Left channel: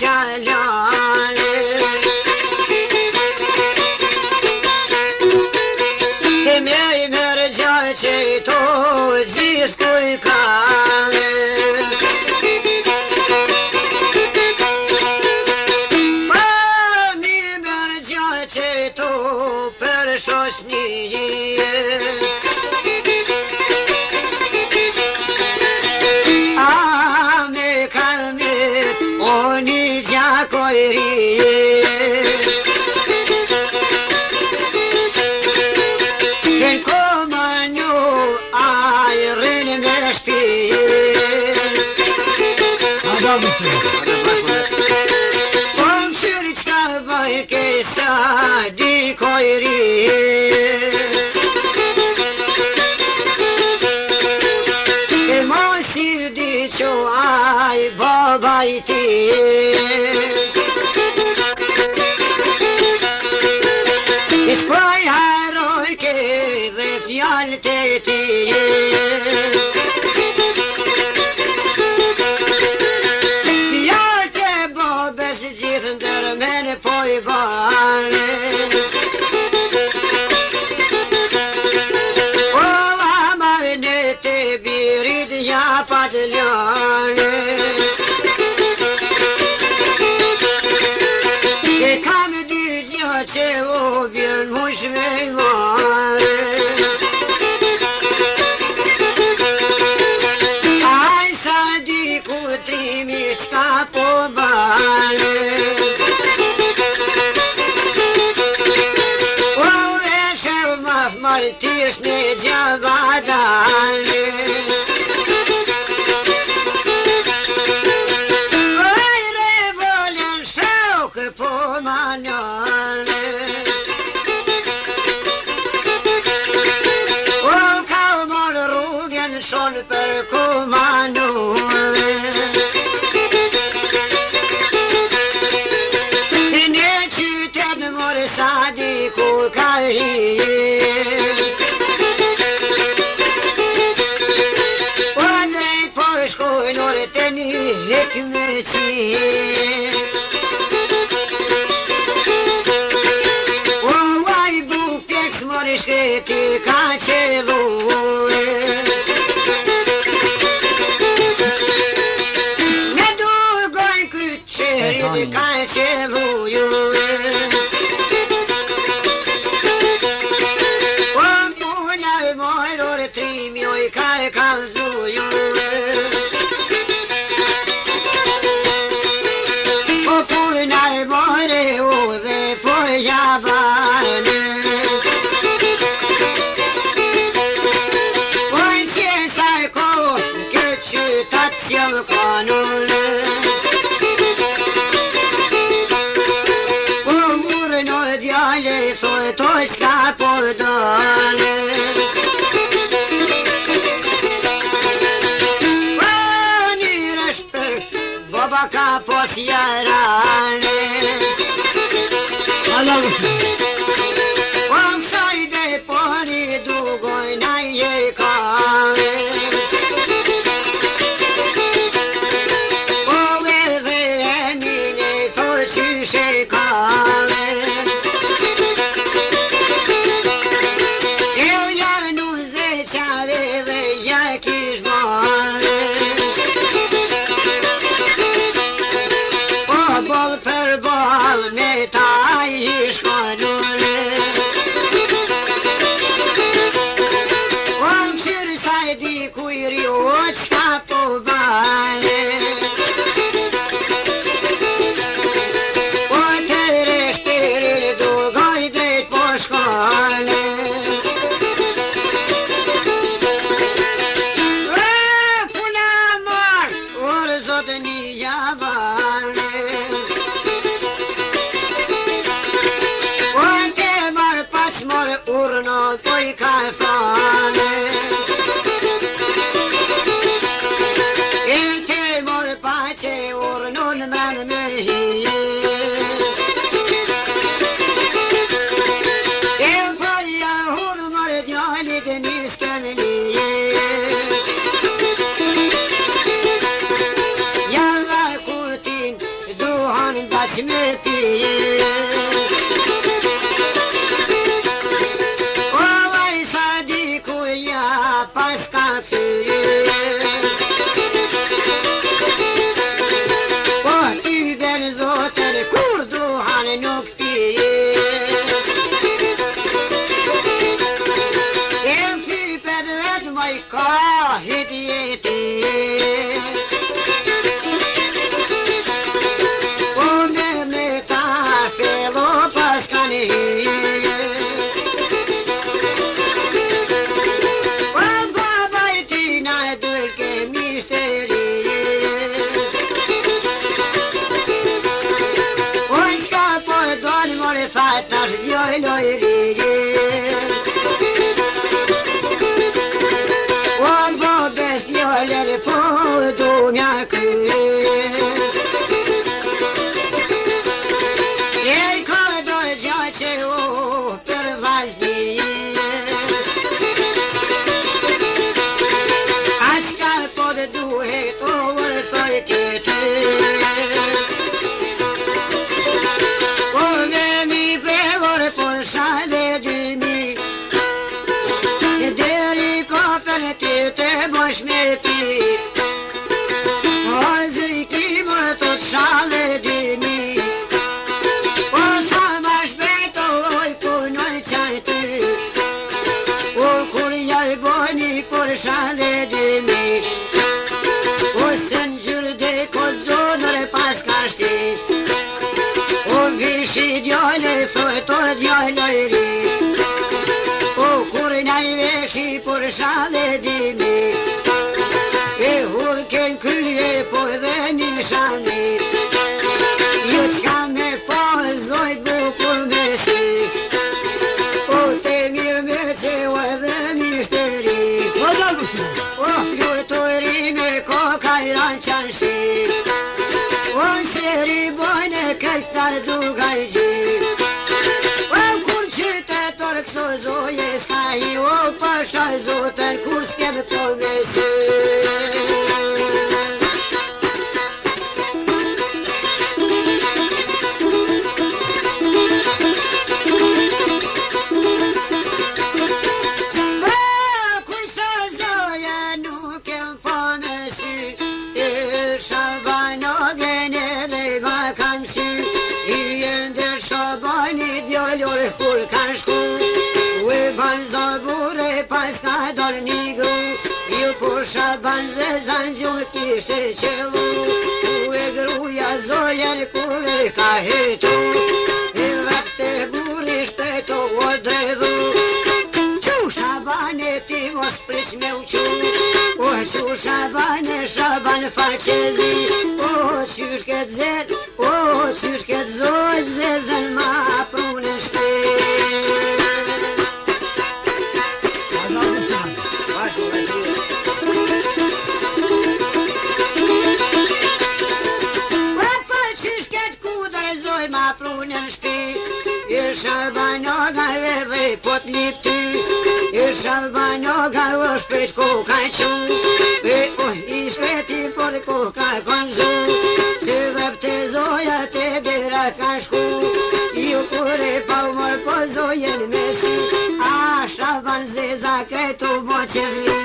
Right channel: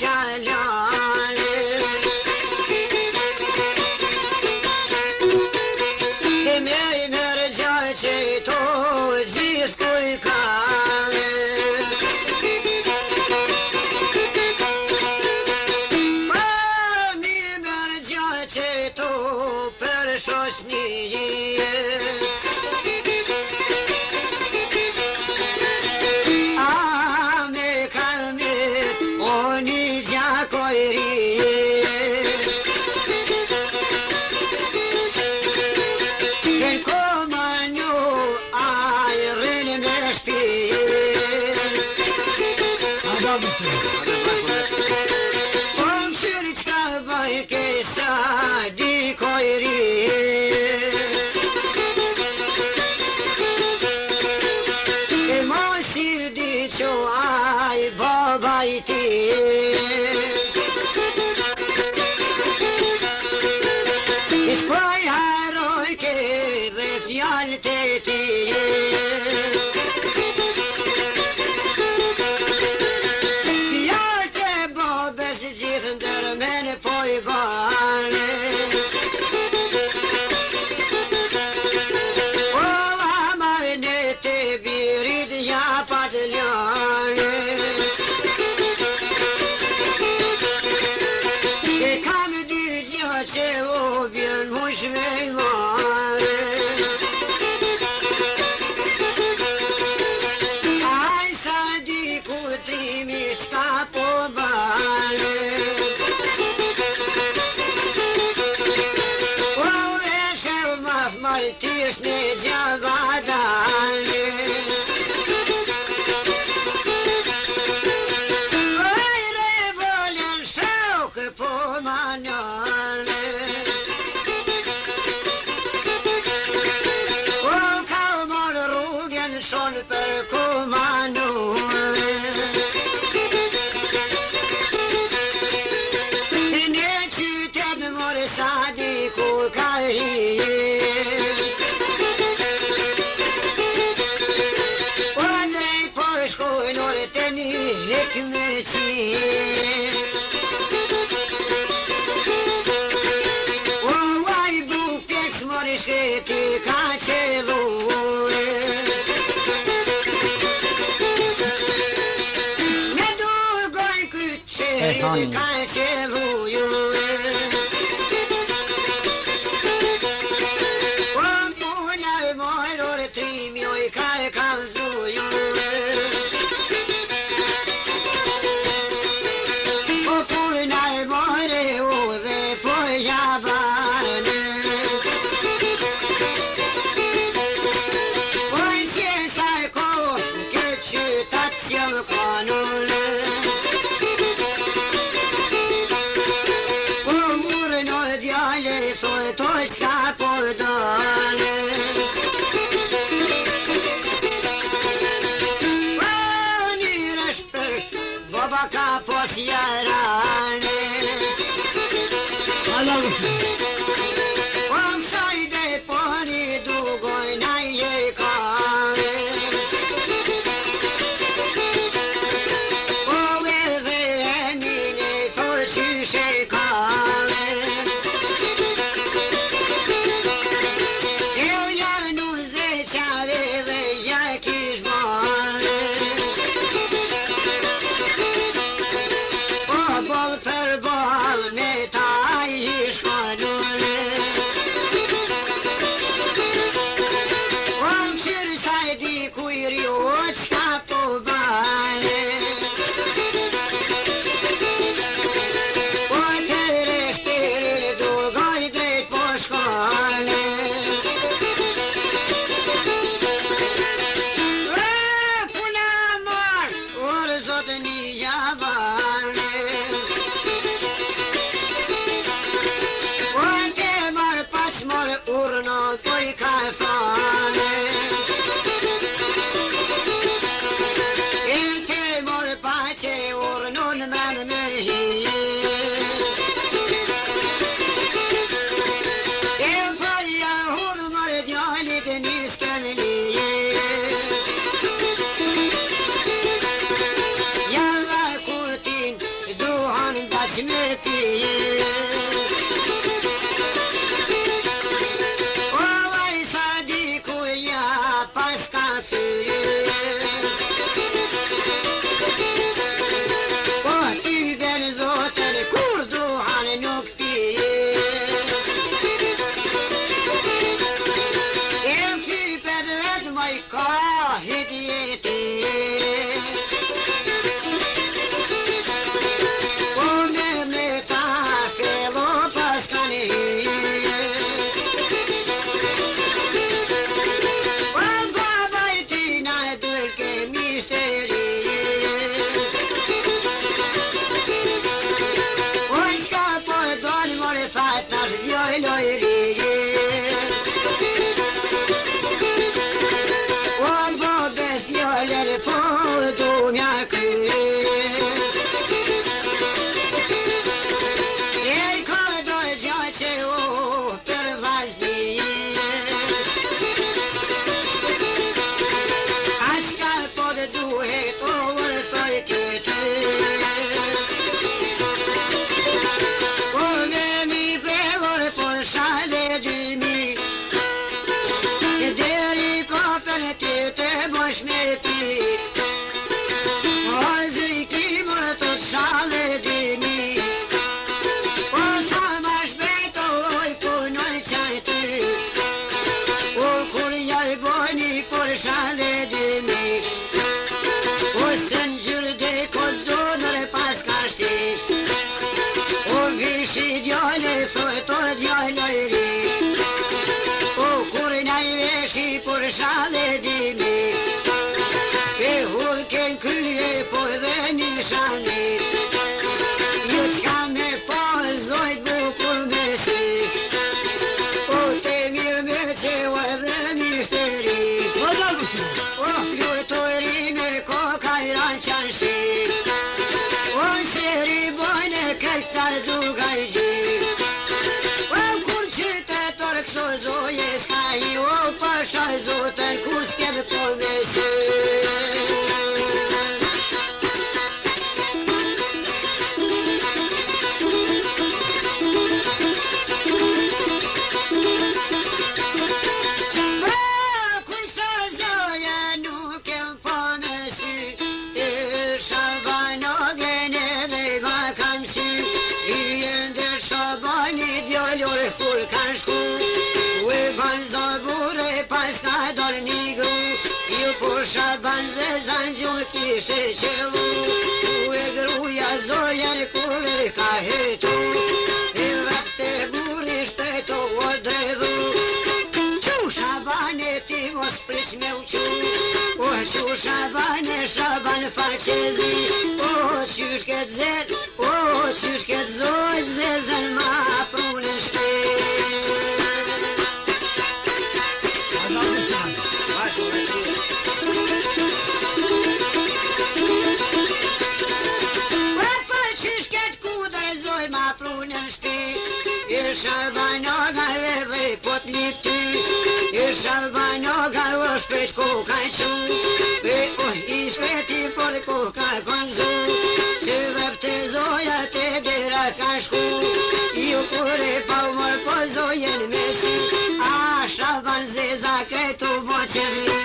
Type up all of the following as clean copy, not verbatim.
qalane Të me I mërë gjaj që to gjithë kuj kane Pa mi mërë gjaj që to për shoshnie Iskoj haroj ke dhe fjallë të ti Fjallë të bobës gjithë ndërmen po I bane O amarne të birit ja padljane që o bjën mush me I mare Aj sa di ku trimi qka po bane O veshe maf martish me gjabadane Aj revolen shok po manjane Shon për kumanore Në qytet mërë sadi ku ka hije O nej po shkojnore të një hekme qije O vaj buk pjeks mërë shkreti ka qelure Ka qelluju O puna I mojror trimi oj ka kalzuju O puna I mojre ove po javane O në qesaj ko këtë qytat sjell kanone Toj qka po dane O njërë është për boba ka pos jarane O kësaj dhe pori dugoj na je kane O edhe e mine toj qyshe kane Urno toj kalfane E ke mor me pije. O vaj sa dikuja pas ka fyre. O ty ben zotër kur duhan nuk pije. Em kypet vetë maj ka hit jeti. Sale di me, e hulken krye po dhe nishani. Ju qka me po zojt bukur me si, o te mirë me që o edhe mishteri. O ju të rime ko kajran qansi, o seri bojnë këltar dugaj gjit. Këso zoje s'ka i o pasha zotën ku s'kem për mesi. Këso zoje nuk kem për mesi, e shabano gene dhe i vakansi, i ndër shabani djollur kur kanë shku. Ban zabure pas ka dor një gru, ju pusha ban zezan gjumë kishte qelu. U e gruja zojen kur ka hetu, e rakte buri shteto o dredhu. Qusha bane ti mos pric me uqu, o qusha bane shaban faqezi. O qysh ket zet, o qysh ket zojt zezan ma prunin shtet. Shalbanoga edhe pot një ty, e shalbanoga o shpet ko ka qu, e i shpeti por ko ka konzu, se dhepte zoja te dera ka shku, ju kure pa umor po zojen mesi, a shalban zeza kretu bo që vli.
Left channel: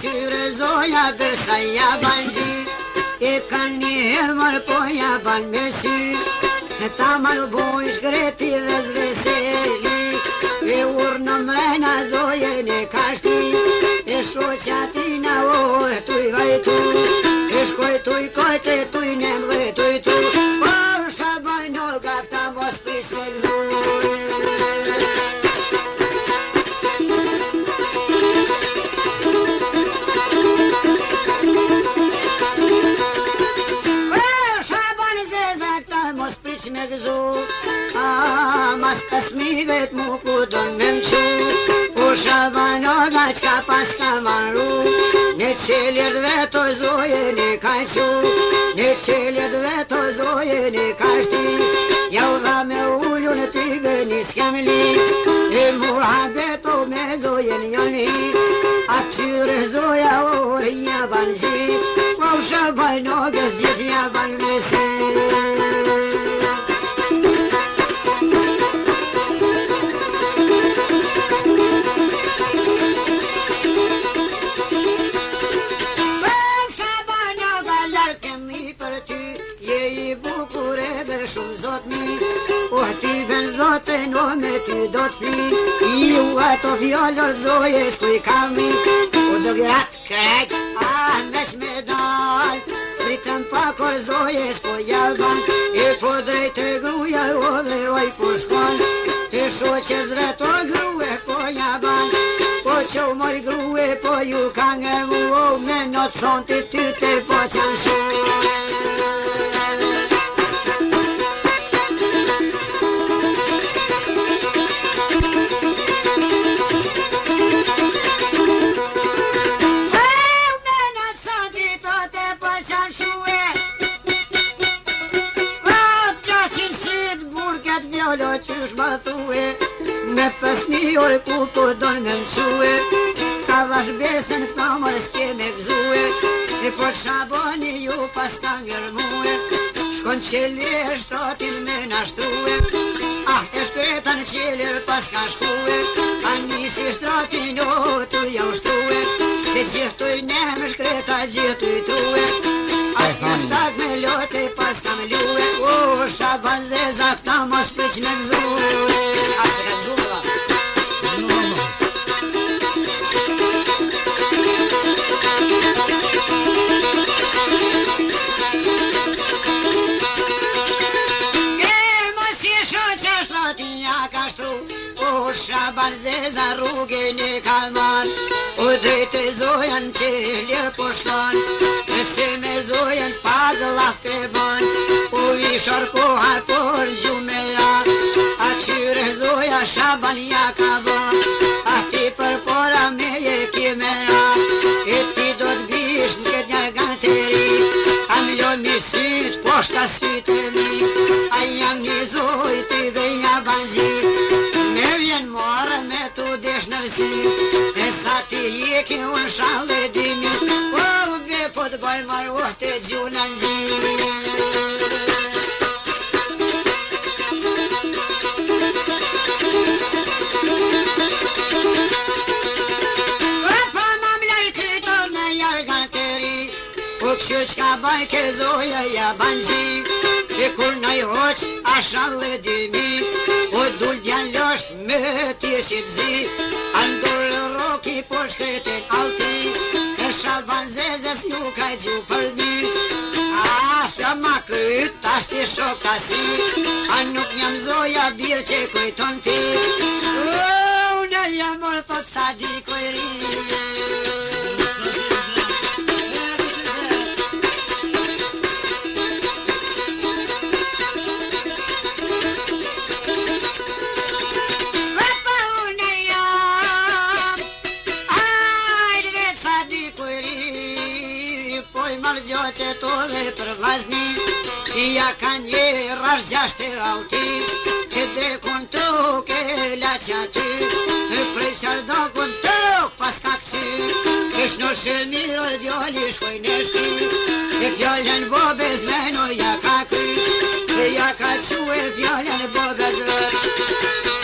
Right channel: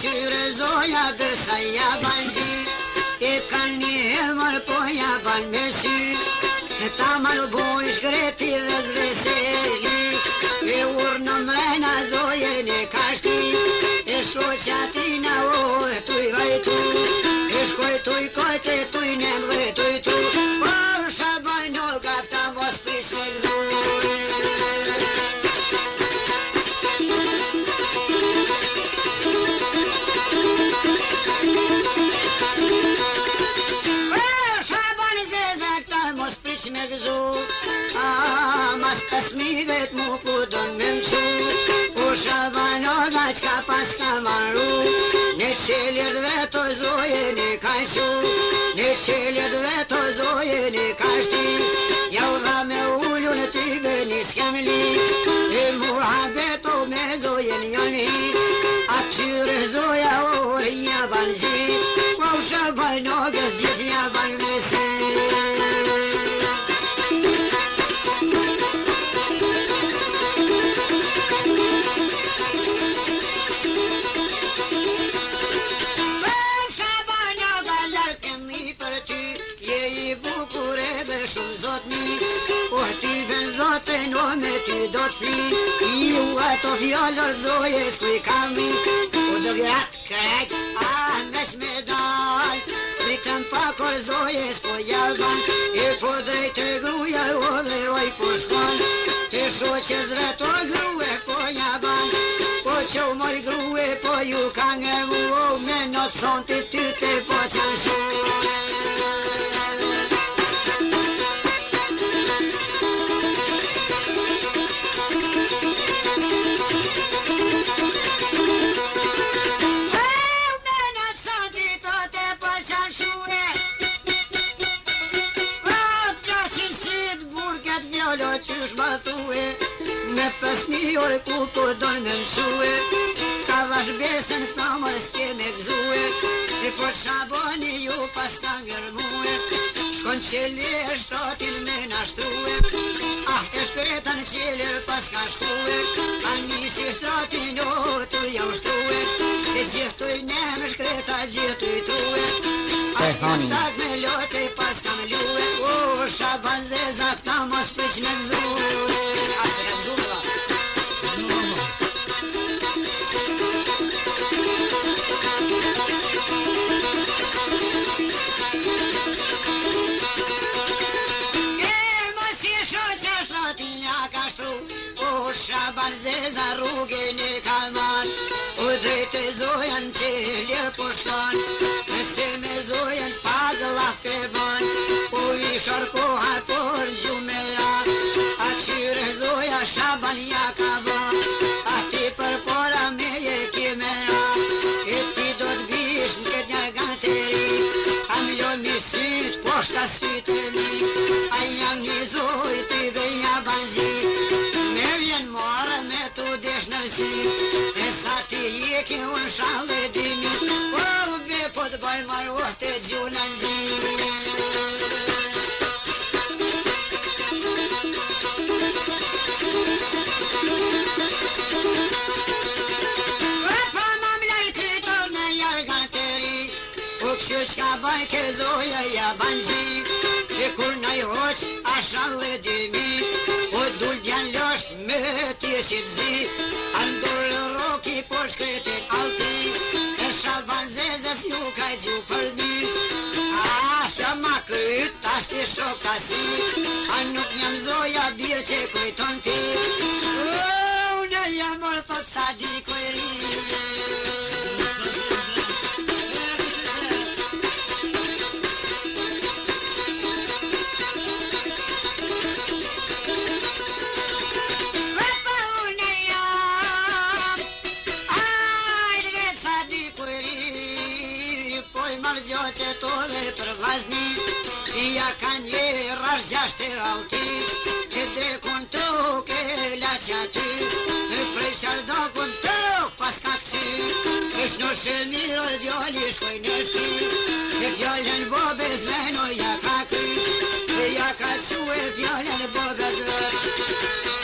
Qyre zoja dhe sa ja ban gji, e kan një herë marë po ja ban me sy, e ta marë boj shkreti dhe zveseli, e urë në mrena zojen e kashti, e shoqa tina o e tuj vajtu, e shkoj tuj kojte tuj në mre tuj tu, po shabaj në gata mos pris me gzu. Me gëzu, mas të smivet mu ku do në mëqu, u shabanoga qka pas ka marru, ne qelit dhe të zojën e ka qu, në qelit dhe të zojën e ka shti, jau dha me ullu në ty bëni s'kem li, e muhabeto me zojën joni, atyre zoja orë një banë zi, po shabaj nogës gjithë një banë me se. Zotën o me ty do t'fli, ju ato fjallër zojës kuj kami, u do gratë krejt, nesh me dal, pritën pakor zojës po jalban, e po drejt e gruja o dhe oj po shkon, të shoqës rëto grue po jaban, po që u mori grue po ju ka nge mu, me në son të ty të po qanë shumë. Qysh ma thue, me 5.000 orë ku po donë me mësue, ka vash besën të mërë s'ke me gzue, e po të shaboni ju pas ka ngërmue, shkon qeli e shtatin me nashtrue, e shkretan qelir pas ka shkue, a njësi shtratin o të jau shtrue, se gjithuj ne në shkreta gjithuj true, a njëstak me lote pas ka me lue, o shaban zeza këta mos pëq me gzue, a se ka gzue la. Shaban zeza rrugën e kalman, u drejtë zojan që lirë po shkon, se me zojan pagëllaf të ban, u i sharkoha por gjumera, atyre zoja Shaban ja ka ban, a ti për pora me je kimera, e ti do t'bish në këtë një ganteri, am lo mi syt, poshta sytë e mi, a jam një zoj t'i dhe një banzi, me vjen marë me t'u desh nërsi, e sa ti jekin unë shalë e dimi, o be po t'baj marë o të gjuna në gjimi. Qka baj ke zoja ja banzi, e kur na i hoq ashan le dimi, o dul djan losh me ti si t'zi, andur roki po shkretin alti, e Shaban zezës ju ka gju për mi, afta ma kryt, ashti shok tasi, a nuk jam zoja birë që kujton ti, unë jam orë thot sa di kujri. Që tole për vazni, ja ka një rash gjashtë e rauti, e drekun tuk e laci aty, e prej qardakun tuk pas ka kësi, e shnoshe mirë djali shkoj në shti, e fjallën bobes veno ja ka kry, e ja ka që e fjallën bobes rët.